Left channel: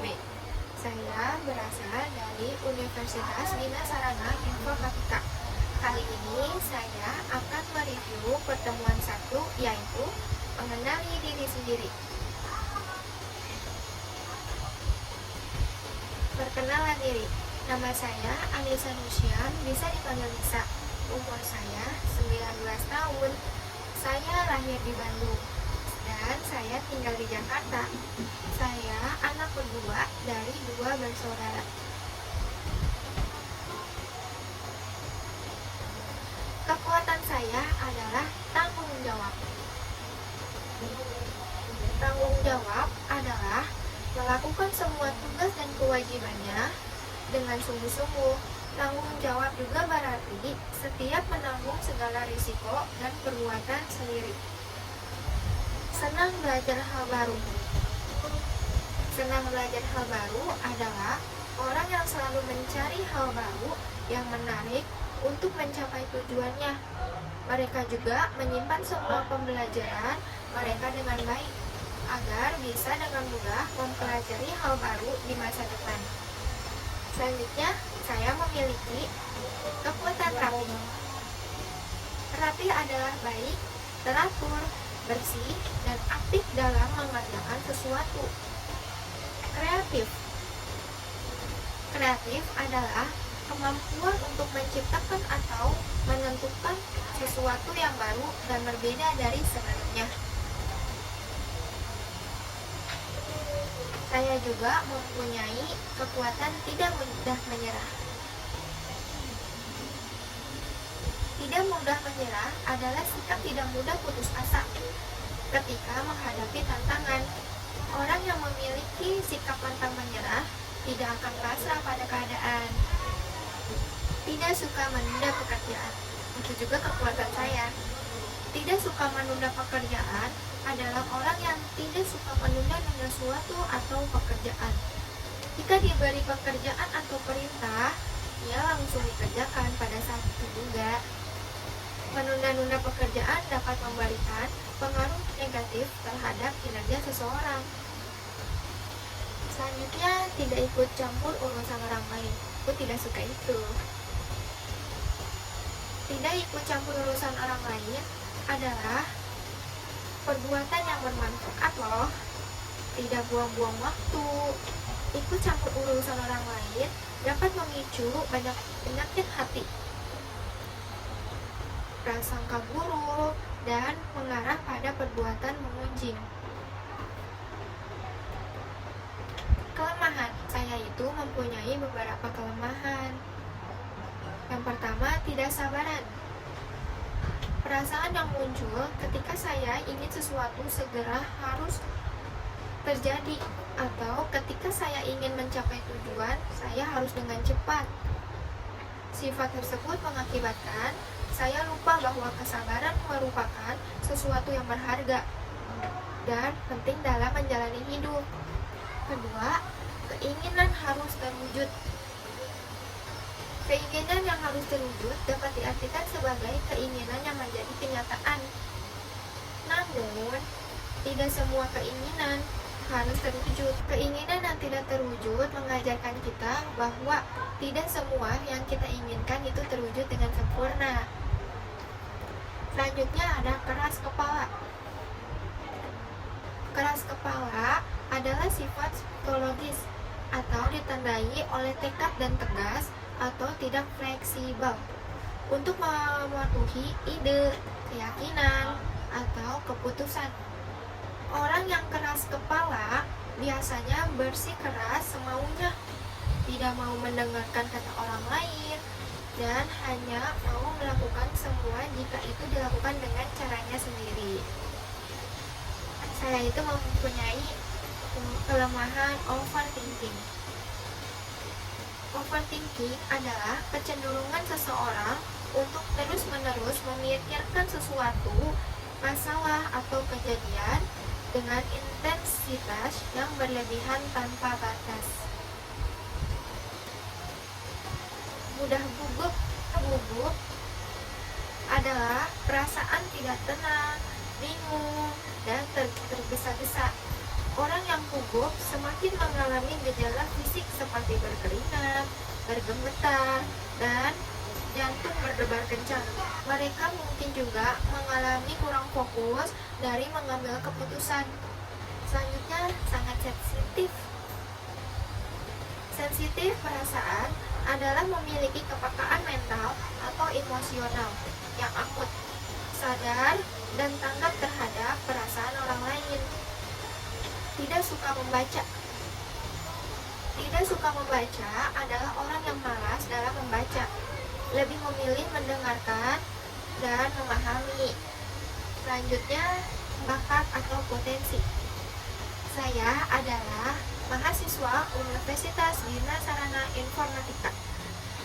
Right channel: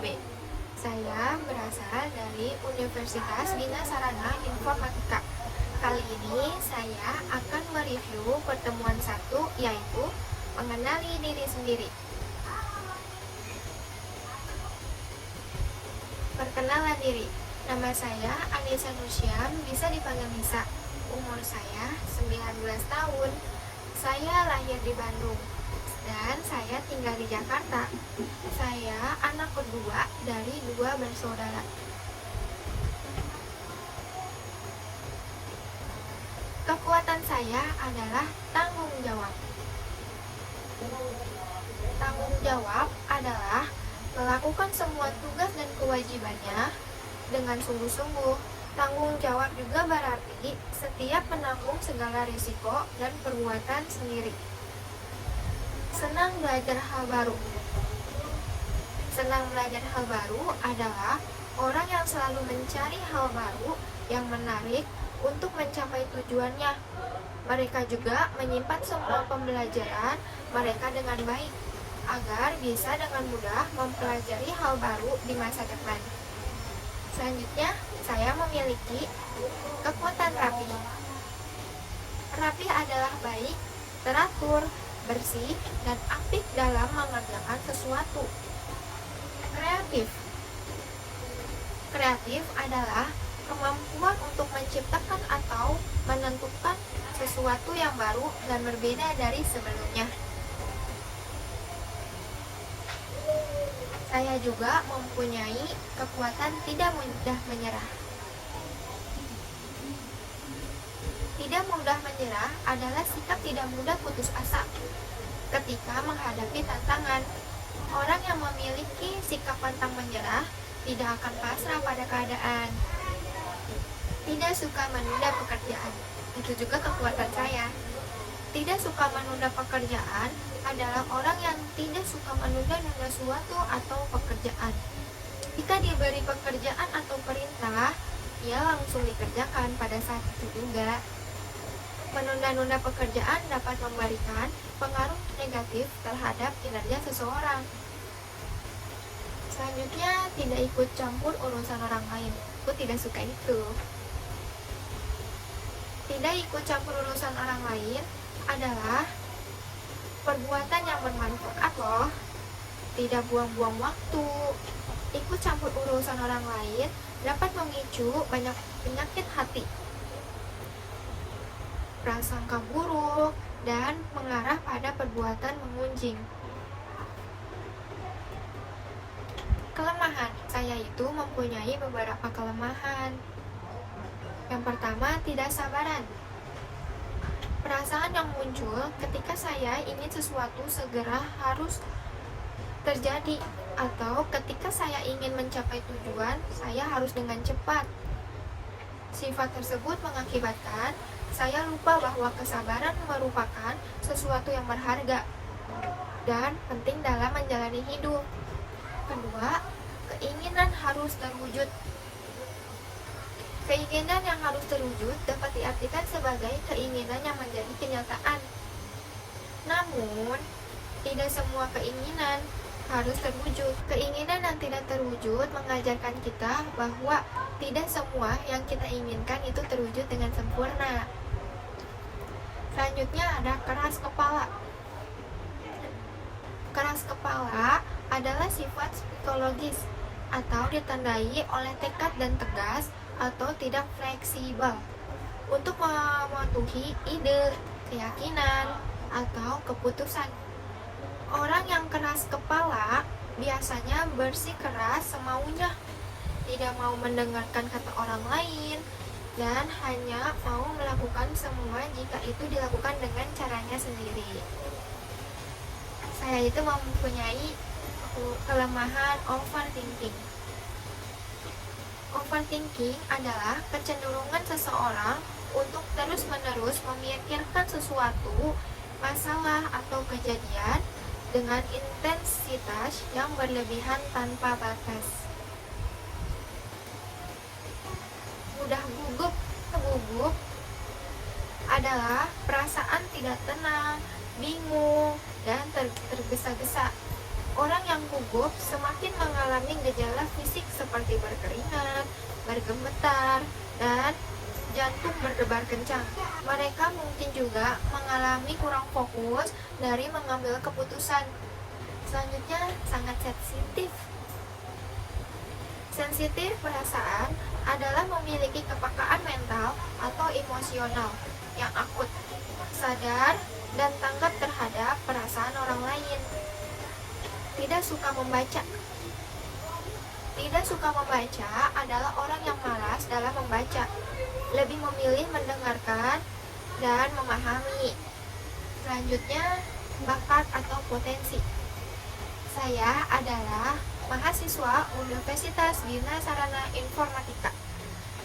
B. Saya berasal dari Universitas Bina Sarana Informatika. Kali ini saya akan mereview pertemuan 1, yaitu mengenali diri sendiri. Perkenalan diri. Nama saya Anissa Nusyam, bisa dipanggil Nisa. Umur saya 19 tahun. Saya lahir di Bandung dan saya tinggal di Jakarta. Saya anak kedua dari 2 bersaudara. Kekuatan saya adalah tanggung jawab. Tanggung jawab adalah melakukan semua tugas dan kewajibannya dengan sungguh-sungguh. Tanggung jawab juga berarti setiap menanggung segala risiko dan perbuatan sendiri. Senang belajar hal baru. Senang belajar hal baru adalah orang yang selalu mencari hal baru yang menarik untuk mencapai tujuannya. Mereka juga menyimpan semua pembelajaran mereka dengan baik agar bisa dengan mudah mempelajari hal baru di masa depan. Selanjutnya, saya memiliki kekuatan rapi. Rapi adalah baik, teratur, bersih, dan aktif dalam mengerjakan sesuatu. Kreatif. Kreatif adalah kemampuan untuk menciptakan atau menentukan sesuatu yang baru dan berbeda dari sebelumnya. Saya juga mempunyai kekuatan tidak mudah menyerah. Tidak mudah menyerah adalah sikap tidak mudah putus asa ketika menghadapi tantangan. Orang yang memiliki sikap pantang menyerah tidak akan pasrah pada keadaan. Tidak suka menunda pekerjaan. Itu juga kekuatan saya. Tidak suka menunda pekerjaan adalah orang yang tidak suka menunda-nunda suatu atau pekerjaan. Jika diberi pekerjaan atau perintah, ia langsung dikerjakan pada saat itu juga. Menunda-nunda pekerjaan dapat memberikan pengaruh negatif terhadap kinerja seseorang. Selanjutnya, tidak ikut campur urusan orang lain. Aku tidak suka itu. Tidak ikut campur urusan orang lain adalah perbuatan yang bermanfaat loh. Tidak buang-buang waktu. Ikut campur urusan orang lain dapat memicu banyak penyakit hati, prasangka buruk, dan mengarah pada perbuatan mengunjing. Kelemahan. Saya itu mempunyai beberapa kelemahan. Yang pertama, tidak sabaran. Perasaan yang muncul ketika saya ingin sesuatu segera harus terjadi, atau ketika saya ingin mencapai tujuan, saya harus dengan cepat. Sifat tersebut mengakibatkan saya lupa bahwa kesabaran merupakan sesuatu yang berharga dan penting dalam menjalani hidup. Kedua, keinginan harus terwujud. Keinginan yang harus terwujud dapat diartikan sebagai keinginan yang menjadi kenyataan. Namun, tidak semua keinginan harus terwujud. Keinginan yang tidak terwujud mengajarkan kita bahwa tidak semua yang kita inginkan itu terwujud dengan sempurna. Selanjutnya ada keras kepala. Keras kepala adalah sifat psikologis atau ditandai oleh tekad dan tegas atau tidak fleksibel untuk mematuhi ide, keyakinan, atau keputusan. Orang yang keras kepala biasanya bersikeras semaunya, tidak mau mendengarkan kata orang lain, dan hanya mau melakukan semua jika itu dilakukan dengan caranya sendiri. Saya itu mempunyai kelemahan overthinking. Overthinking adalah kecenderungan seseorang untuk terus-menerus memikirkan sesuatu masalah atau kejadian dengan intensitas yang berlebihan tanpa batas. Mudah gugup. Gugup adalah perasaan tidak tenang, bingung, dan tergesa-gesa. Orang yang gugup semakin mengalami gejala fisik seperti berkeringat, bergemetar, dan jantung berdebar kencang. Mereka mungkin juga mengalami kurang fokus dari mengambil keputusan. Selanjutnya, sangat sensitif. Sensitif perasaan adalah memiliki kepekaan mental atau emosional yang akut, sadar, dan tanggap terhadap perasaan orang lain. Tidak suka membaca. Tidak suka membaca adalah orang yang malas dalam membaca, lebih memilih mendengarkan dan memahami. Selanjutnya, bakat atau potensi. Saya adalah mahasiswa Universitas Dina Sarana Informatika.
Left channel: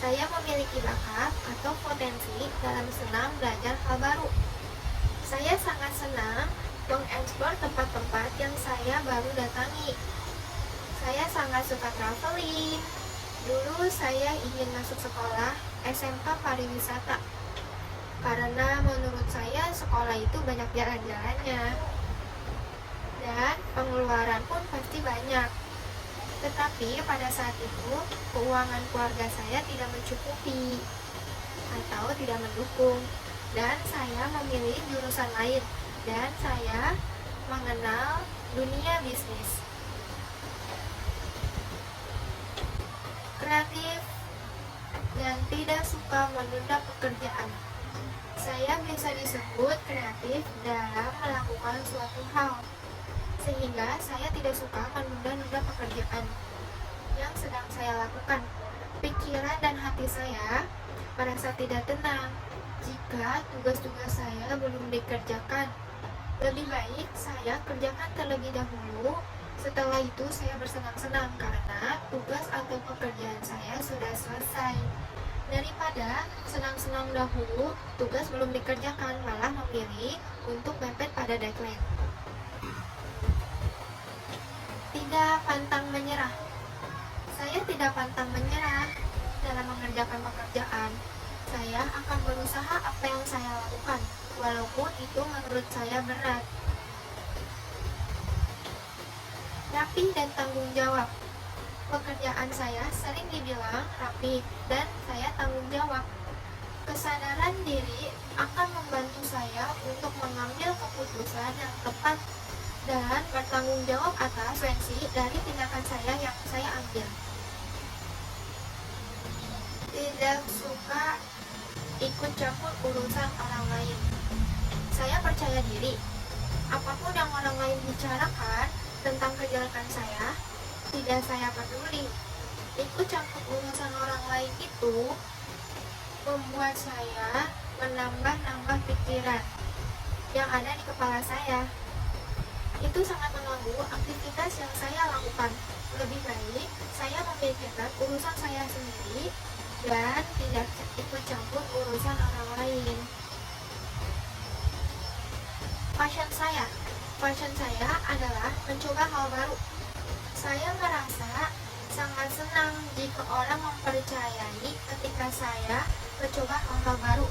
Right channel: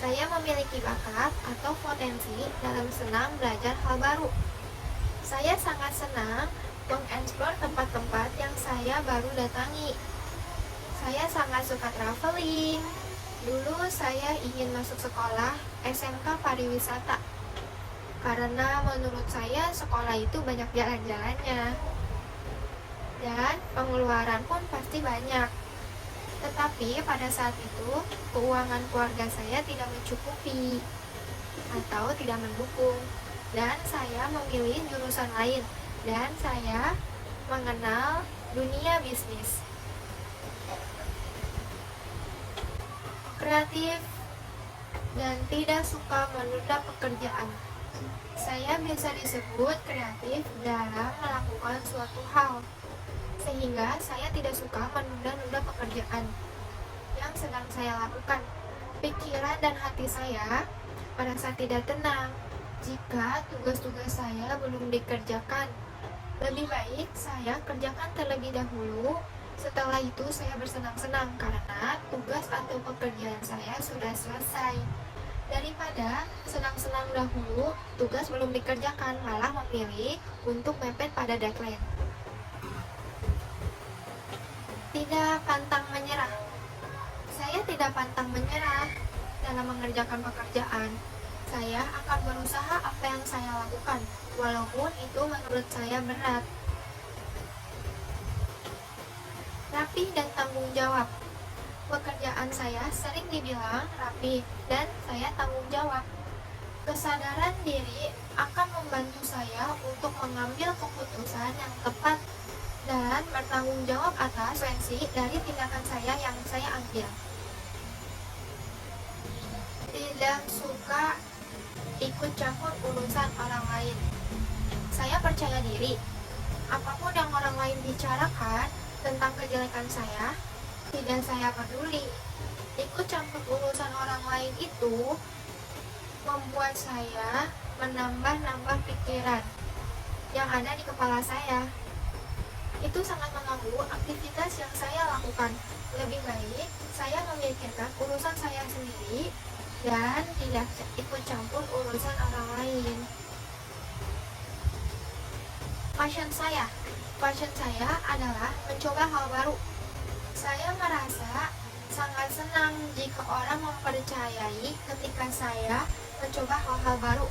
Saya memiliki bakat atau potensi dalam senang belajar hal baru. Saya sangat senang mengeksplor tempat-tempat yang saya baru datangi. Saya sangat suka traveling. Dulu saya ingin masuk sekolah SMK Pariwisata karena menurut saya sekolah itu banyak jalan-jalannya dan pengeluaran pun pasti banyak. Tetapi pada saat itu keuangan keluarga saya tidak mencukupi atau tidak mendukung, dan saya memilih jurusan lain, dan saya mengenal dunia bisnis. Kreatif dan tidak suka menunda pekerjaan. Saya bisa disebut kreatif dalam melakukan suatu hal, sehingga saya tidak suka menunda-nunda pekerjaan yang sedang saya lakukan. Pikiran dan hati saya merasa tidak tenang jika tugas-tugas saya belum dikerjakan. Lebih baik saya kerjakan terlebih dahulu, setelah itu saya bersenang-senang karena tugas atau pekerjaan saya sudah selesai, daripada senang-senang dahulu tugas belum dikerjakan malah memilih untuk mepet pada deadline. Tidak pantang menyerah. Saya tidak pantang menyerah dalam mengerjakan pekerjaan. Saya akan berusaha apa yang saya lakukan, walaupun itu menurut saya berat. Rapi dan tanggung jawab. Pekerjaan saya sering dibilang rapi dan saya tanggung jawab. Kesadaran diri akan membantu saya untuk mengambil keputusan yang tepat dan bertanggung jawab atas konsekuensi dari tindakan saya yang saya ambil. Tidak suka ikut campur urusan orang lain. Saya percaya diri. Apapun yang orang lain bicarakan tentang kejelekan saya, tidak saya peduli. Ikut campur urusan orang lain itu membuat saya menambah-nambah pikiran yang ada di kepala saya. Itu sangat mengganggu aktivitas yang saya lakukan. Lebih baik saya memikirkan urusan saya sendiri dan tidak ikut campur urusan orang lain. Passion saya adalah mencoba hal baru. Saya merasa sangat senang jika orang mempercayai ketika saya mencoba hal-hal baru.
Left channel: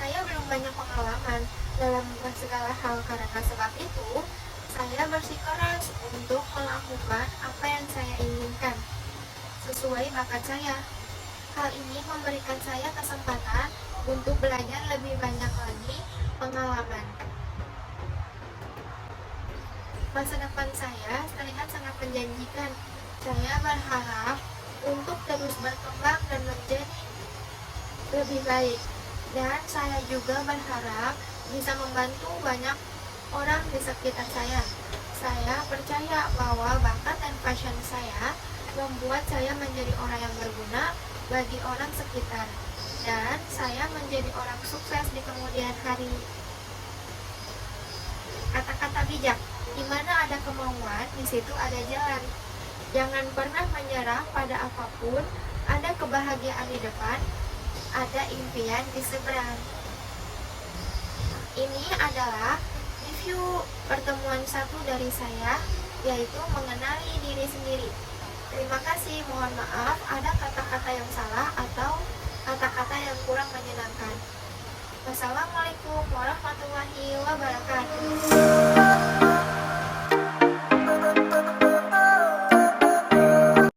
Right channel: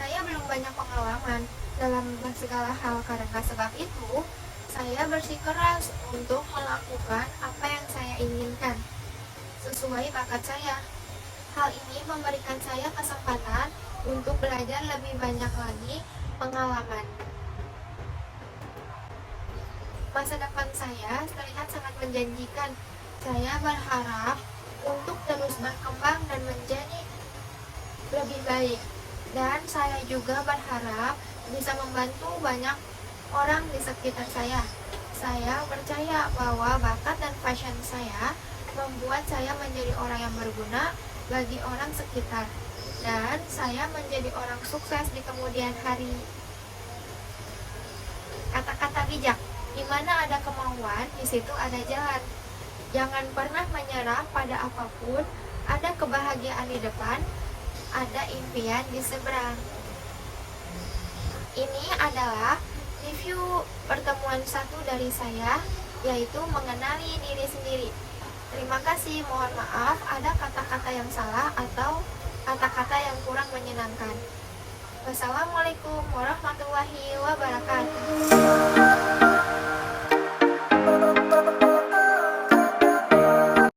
Saya belum banyak pengalaman dalam segala hal, karena sebab itu saya bersikeras untuk melakukan apa yang saya inginkan sesuai bakat saya. Hal ini memberikan saya kesempatan untuk belajar lebih banyak lagi pengalaman. Masa depan saya terlihat sangat menjanjikan. Saya berharap untuk terus berkembang dan menjadi lebih baik. Dan saya juga berharap bisa membantu banyak orang di sekitar saya. Saya percaya bahwa bakat dan passion saya membuat saya menjadi orang yang berguna bagi orang sekitar, dan saya menjadi orang sukses di kemudian hari. Kata-kata bijak. Di mana ada kemauan, di situ ada jalan. Jangan pernah menyerah pada apapun. Ada kebahagiaan di depan, ada impian di seberang. Ini adalah review pertemuan 1 dari saya, yaitu mengenali diri sendiri. Terima kasih, mohon maaf ada kata-kata yang salah atau kata-kata yang kurang menyenangkan. Wassalamualaikum warahmatullahi wabarakatuh.